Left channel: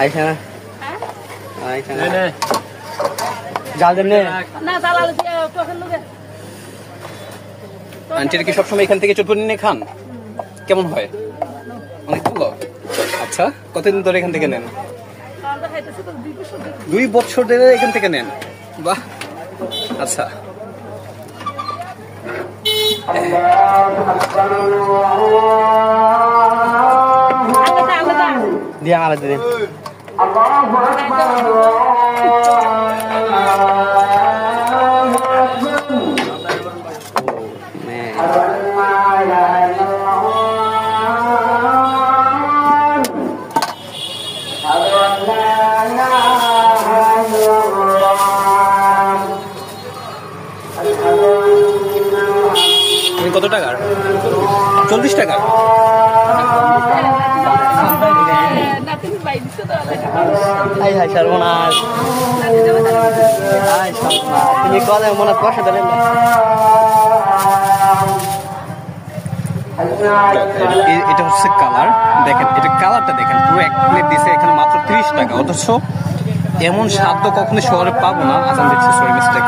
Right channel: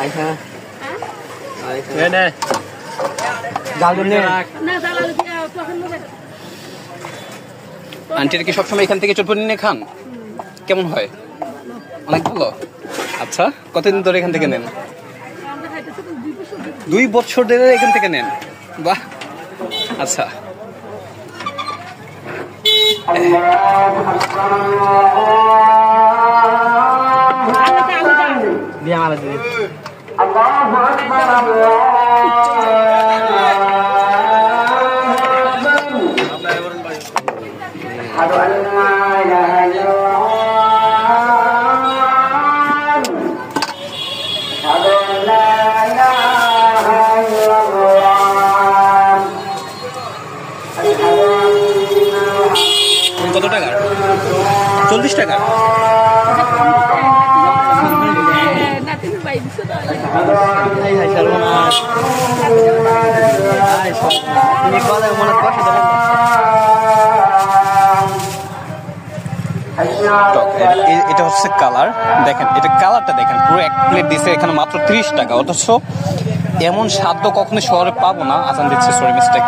আইসা নে জাল দেন নে না জাল তখন নেবে আন্টির কি সবসময় এখান থেকে চটপটি নিয়ে খান কেমন হয় অনেক ভালো আচ্ছা কতদিন ধরে এখান থেকে নেন 2 বছর ধরে এখান থেকে নেন বাহ আচ্ছা dia ngalah diri Allahu Akbar কত টাকা 40 টাকা তুমি কলে মনে করছো তাহলে এটা হচ্ছে কালার দেখেন এটা কালারটা দেখেন পুরো এক প্লেট দিছে এখানে মাত্র 30 টাকা অথচ এমন স্বাদ তো কখনো শহরে পাবো না আজান দিচ্ছে সরি মিস্টেক